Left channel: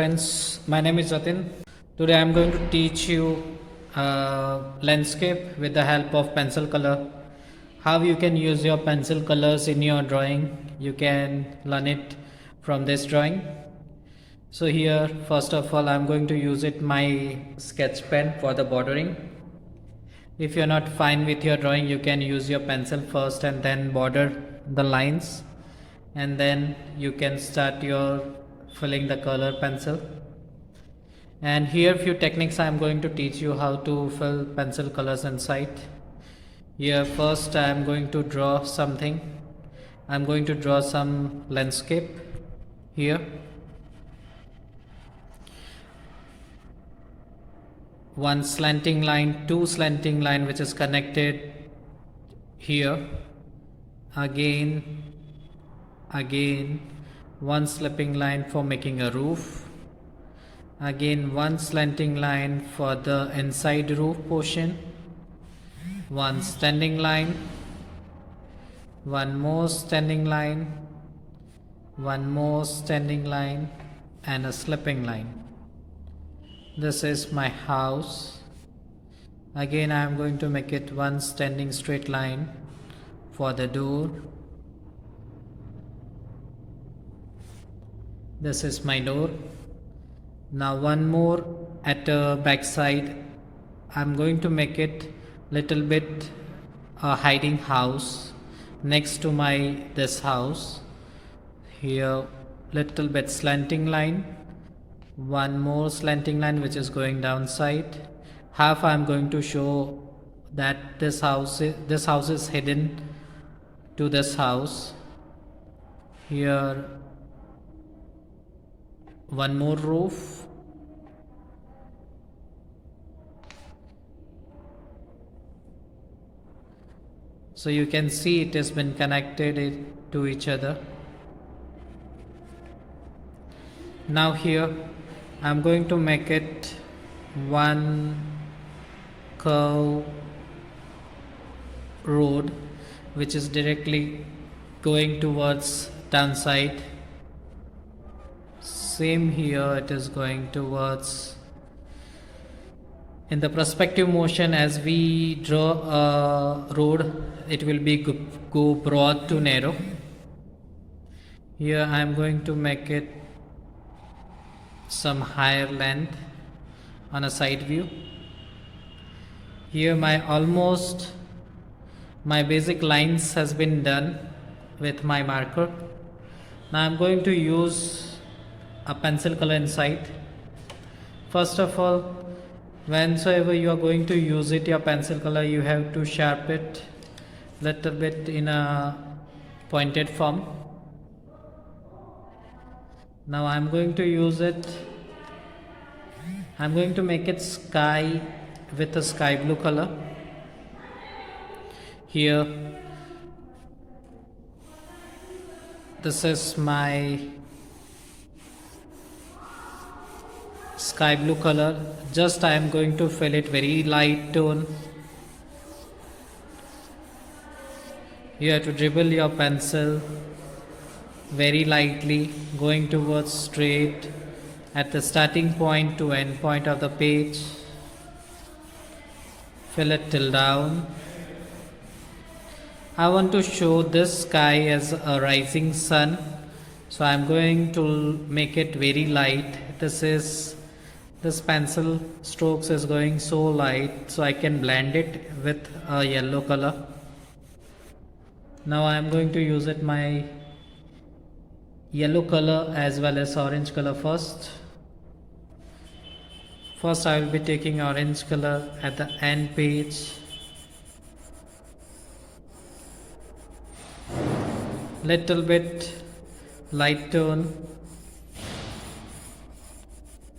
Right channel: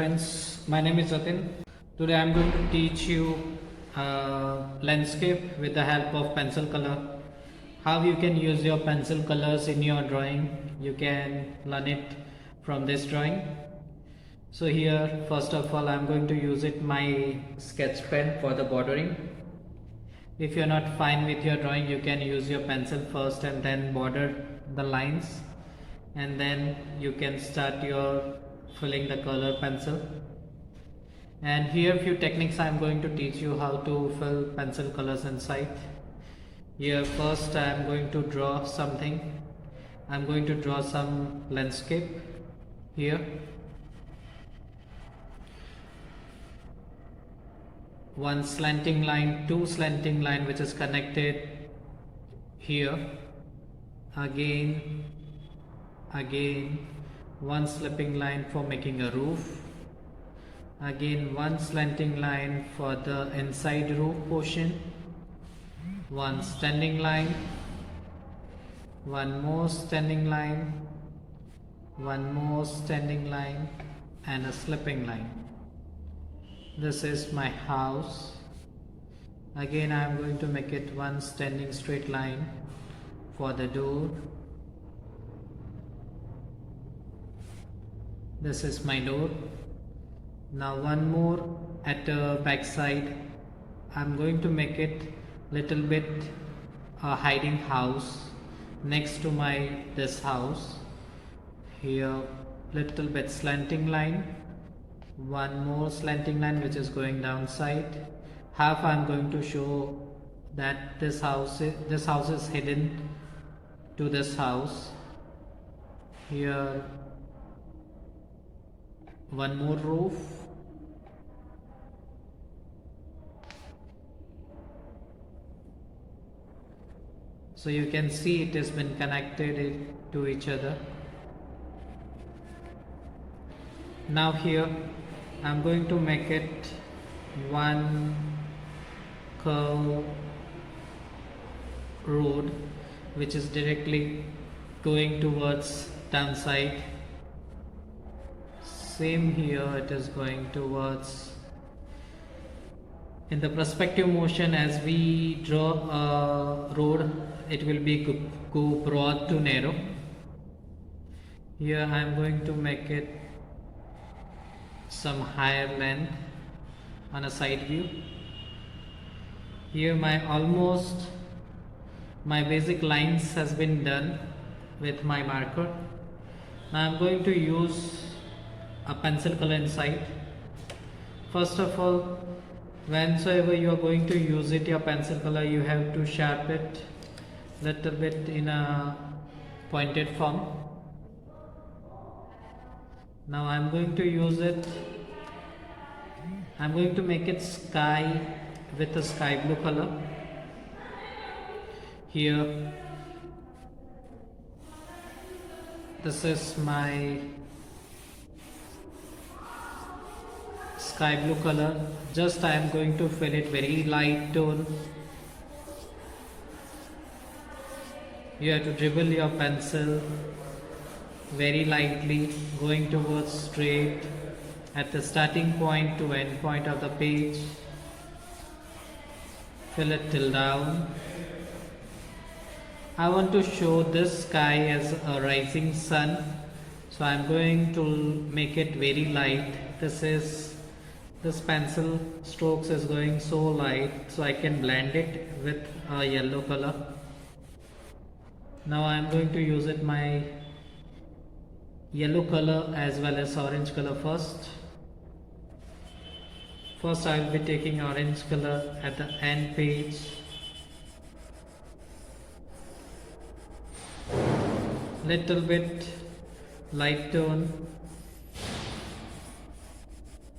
friends, my name is Jatin. Today I am going to teach you landscape with the help of pencil color. How you can use your pencil colors in your drawing. You can learn it from this drawing. So here first of all I am going to use it my sketch pen for the bordering. If you are not fine with your drawing, you can use your pencil first and then border the lines, and then you can start your filling the color pencil. And here few techniques I am going to teach you how to fill pencil colors inside. Here first I am going to draw something. I am going to draw some landscape here. One slanting line, two slanting line which is connected here. Again, one slipping line for making a roof. Again, one slanting line for the inside roof portion. One standing line. One more standing line. One more standing line and a slipping line. This is my house. Again I am going to make it one standing straight line for the door. This is my door. Now one more at the back side. I am going to make it little bit a hiding house next to my this house. Here little bit slanting line. One more slanting line which is going downside. Half I am going to show that this house is hidden to this house. Here one more roof. So you can see it has been connected to each other. Now here I am going to make it one curve road which is directly going towards downside. Same here, it is going towards in the perspective motion. As we draw a road, it will be go broad to narrow. Here I am going to make it some higher length on a side view. Here my basic lines has been done with my marker. Now I am going to use a pencil color inside. First of all, whensoever you are going to use it your pencil color, you have to sharpen it little bit in a pointed form. Now I am going to use it. I am going to make it sky with a sky blue color. Here this is my sky blue color. Just I am going to fill it very light tone. You have to dribble your pencil very lightly, going towards straight at the starting point to end point of the page. Fill it till down. I want to show this sky as a rising sun, so I am going to make it very light. This pencil strokes is going so light, so I can blend it with a yellow color. Now I am going to use it my yellow color as well as orange color first. First I will be taking orange color at the end page. Little bit light tone.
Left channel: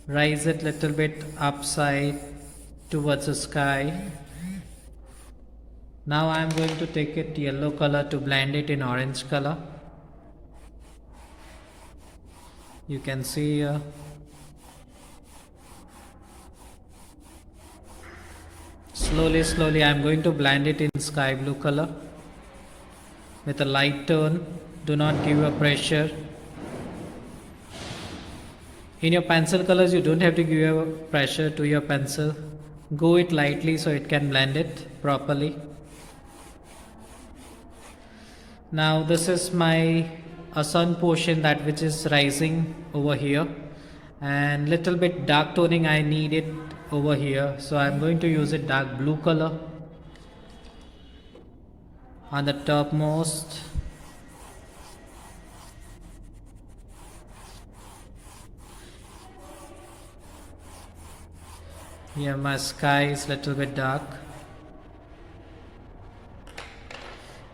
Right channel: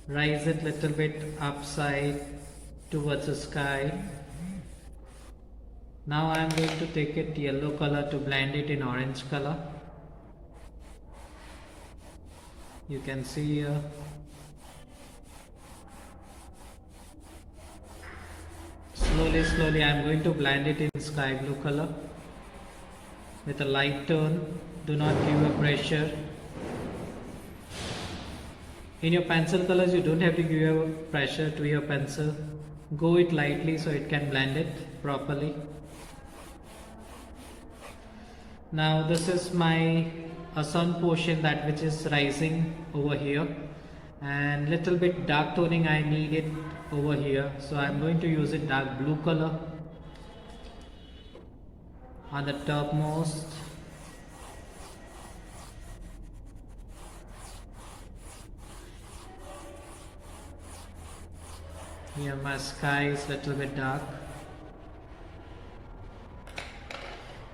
Rise it little bit upside towards the sky. Now I am going to take it yellow color to blend it in orange color. You can see here. Slowly I am going to blend it in sky blue color with a light tone. Do not give a pressure. In your pencil colors, you don't have to give pressure to your pencil. Go it lightly so it can blend it properly. Now this is my sun portion, that which is rising over here, and little bit dark toning I need it over here, so I'm going to use a dark blue color on the topmost. Here my sky is little bit dark.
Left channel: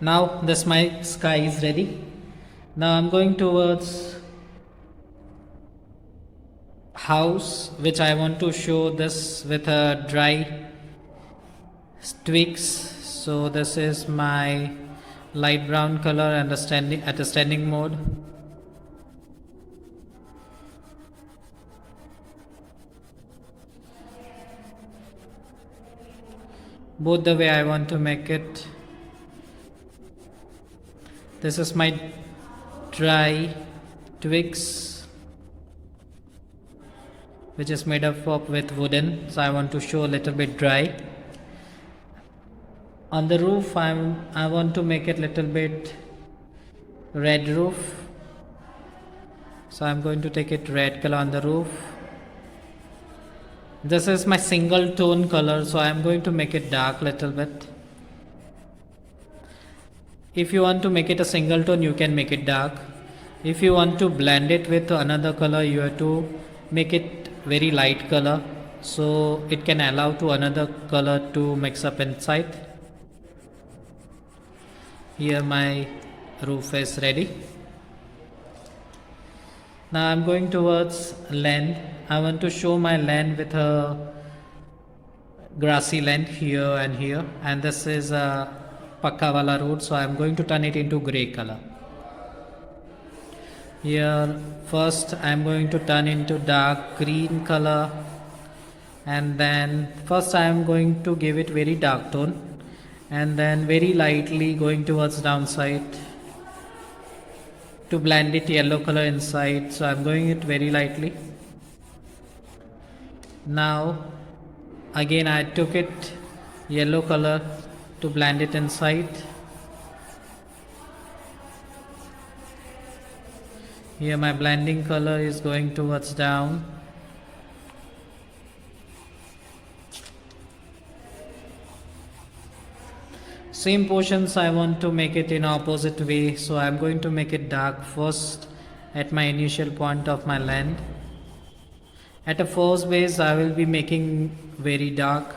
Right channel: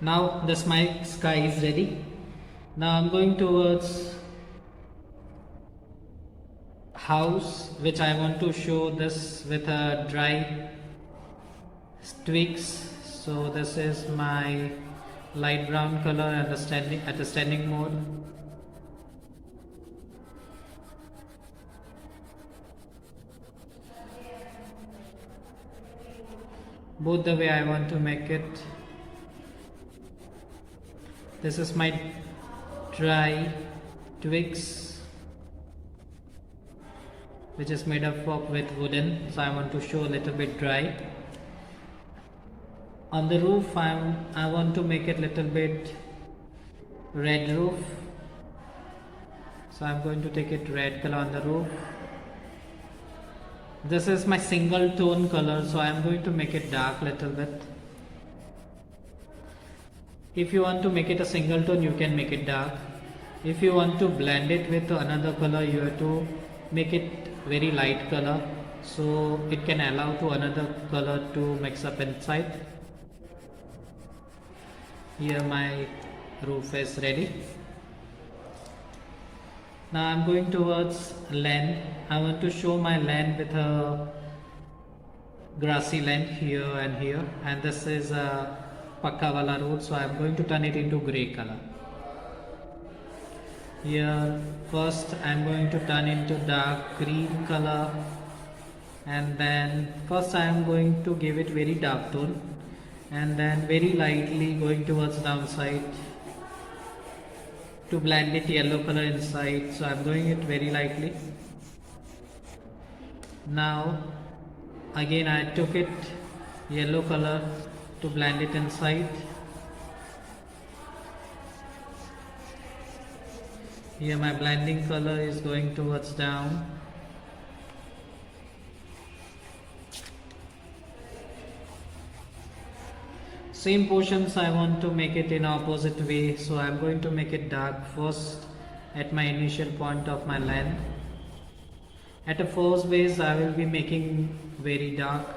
Now this my sky is ready. Now I'm going towards house, which I want to show this with a dry twigs. So this is my light brown color and at a standing mode. Both the way I want to make it. This is my dry twigs, which is made up of with wooden, so I want to show a little bit dry. On the roof I want to make it little bit red roof, so I'm going to take it red color on the roof. This is my single tone color, so I'm going to make it dark little bit. If you want to make it a single tone, you can make it dark. If you want to blend it with another color, you have to make it very light color, so it can allow to another color to mix up inside. Here my roof is ready. Now I'm going towards land. I want to show my land with a grassy land here and here, and this is a Pakka wala road, so I'm going to turn it into grey color. Here first I'm going to turn into dark green color, and then first I'm going to give it very dark tone, and then very lightly going towards downside to blend it yellow color inside, so I'm going it very lightly. Now again I took it yellow color to blend it inside. Here my blending color is going towards down. Same portions I want to make it in opposite way, so I'm going to make it dark first at my initial point of my land. At a first base I will be making very dark,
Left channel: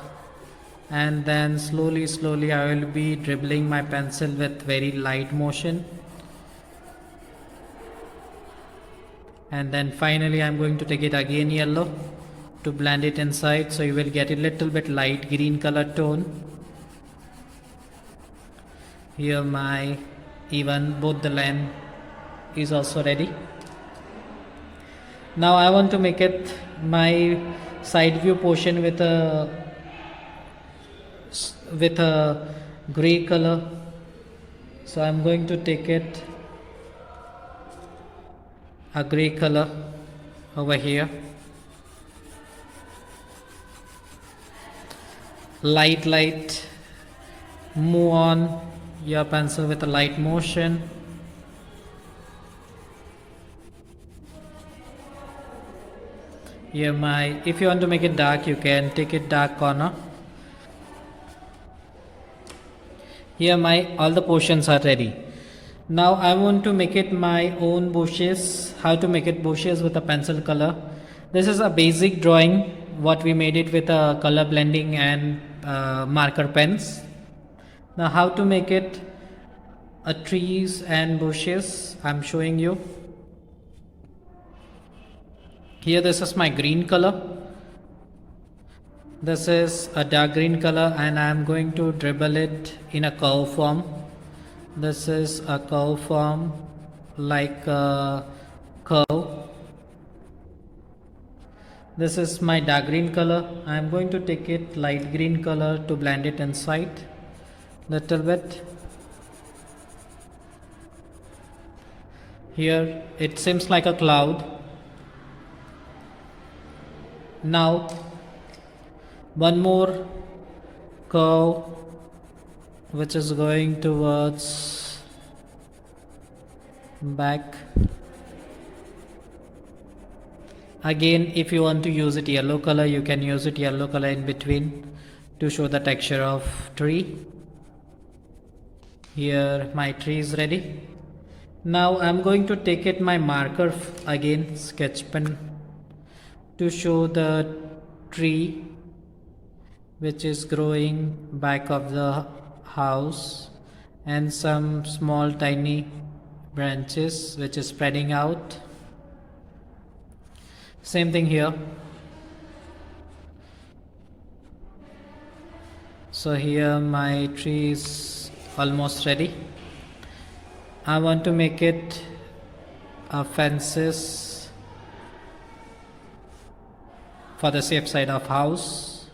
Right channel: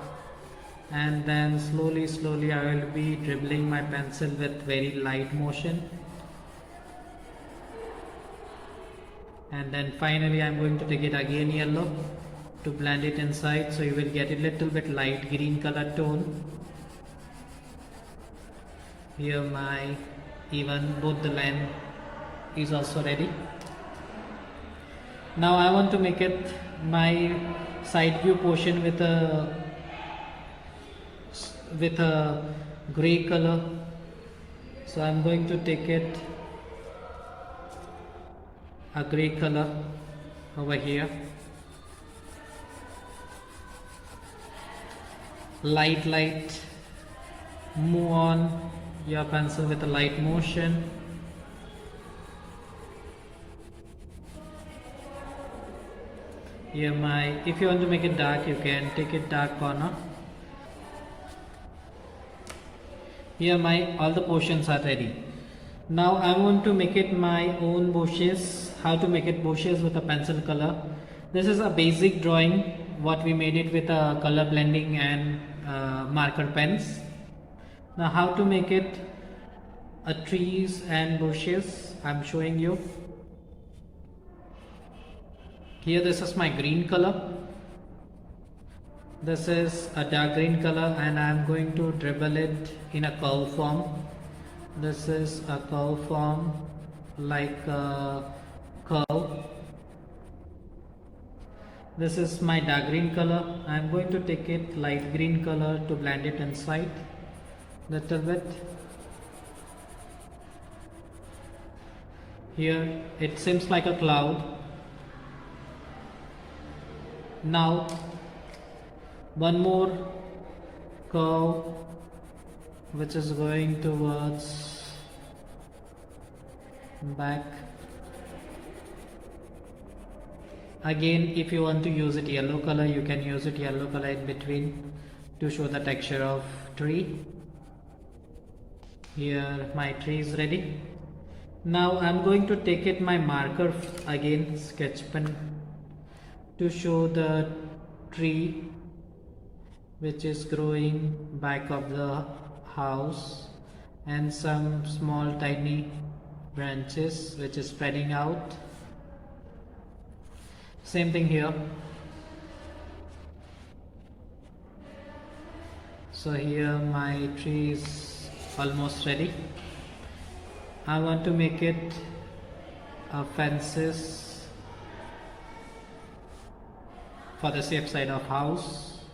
and then slowly I will be dribbling my pencil with very light motion, and then finally I'm going to take it again yellow to blend it inside, so you will get a little bit light green color tone. Here my even both the land is also ready. Now I want to make it my side view portion with a gray color, so I'm going to take it a gray color over here. Light move on your pencil with a light motion. Here if you want to make it dark, you can take it dark corner. Here all the portions are ready. Now I want to make it my own bushes. How to make it bushes with a pencil color. This is a basic drawing, what we made it with a color blending and marker pens. Now how to make it a trees and bushes, I'm showing you. Here this is my green color. This is a dark green color, and I'm going to dribble it in a curve form. This is a curve form like a curve. This is my dark green color. I'm going to take it light green color to blend it inside little bit. Here it seems like a cloud. Now one more curve which is going towards back. Again, if you want to use it yellow color, you can use it yellow color in between to show the texture of tree. Here my tree is ready. Now I'm going to take it my marker again, sketch pen, to show the tree which is growing back of the house and some small tiny branches which is spreading out. Same thing here. So here my tree is almost ready. I want to make it fences for the safe side of house.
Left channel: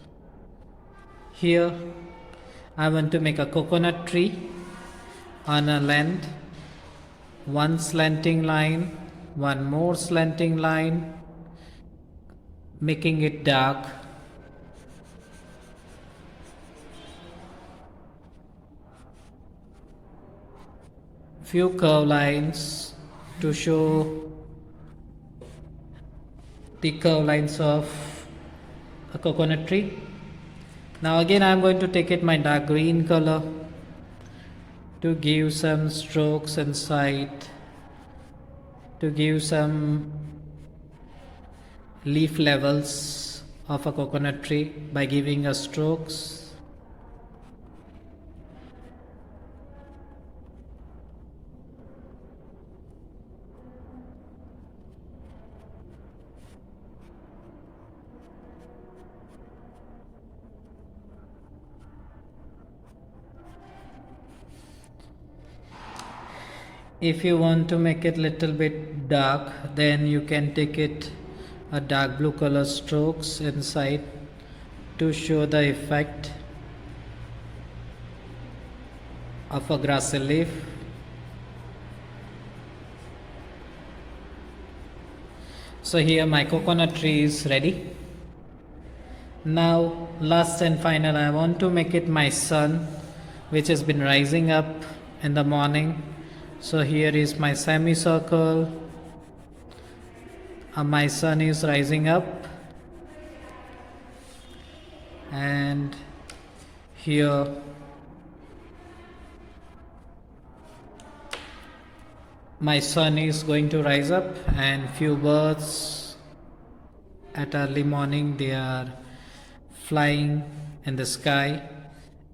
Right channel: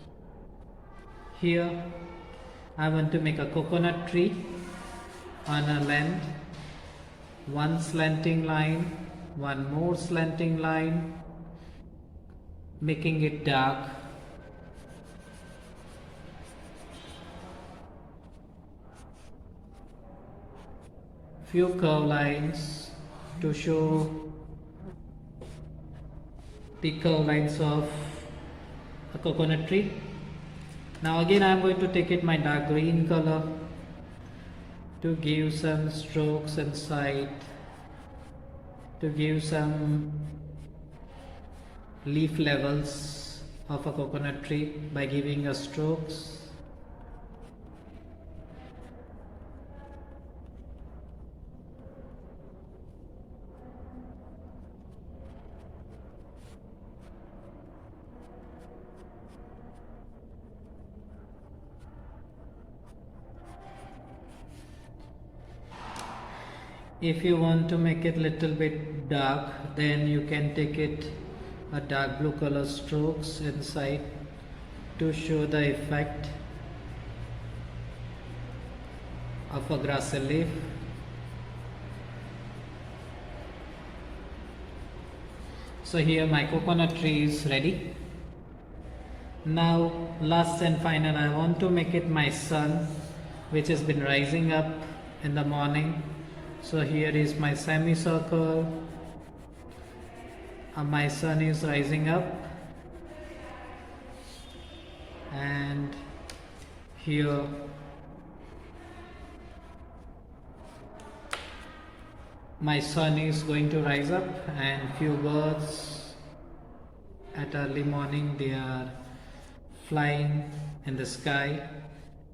Here I want to make a coconut tree on a length, one slanting line, one more slanting line, making it dark. Few curve lines to show the curve lines of a coconut tree. Now again I am going to take it my dark green color to give some strokes inside, to give some leaf levels of a coconut tree by giving a strokes. If you want to make it little bit dark, then you can take it a dark blue color strokes inside to show the effect of a grassy leaf. So here my coconut tree is ready. Now last and final, I want to make it my sun which has been rising up in the morning. So here is my semicircle. My sun is rising up, and here my sun is going to rise up, and few birds at early morning they are flying in the sky,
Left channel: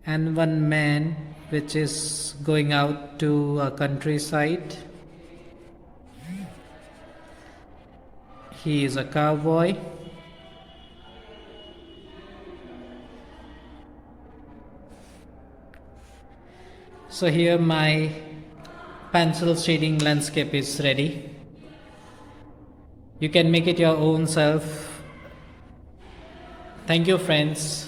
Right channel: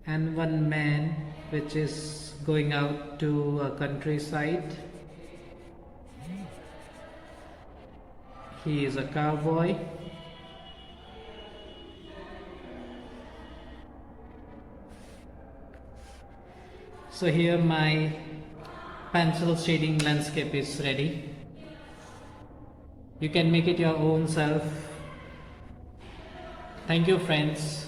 and one man which is going out to a countryside. He is a cowboy. So here my pencil shading landscape is ready. You can make it your own self. Thank you, friends.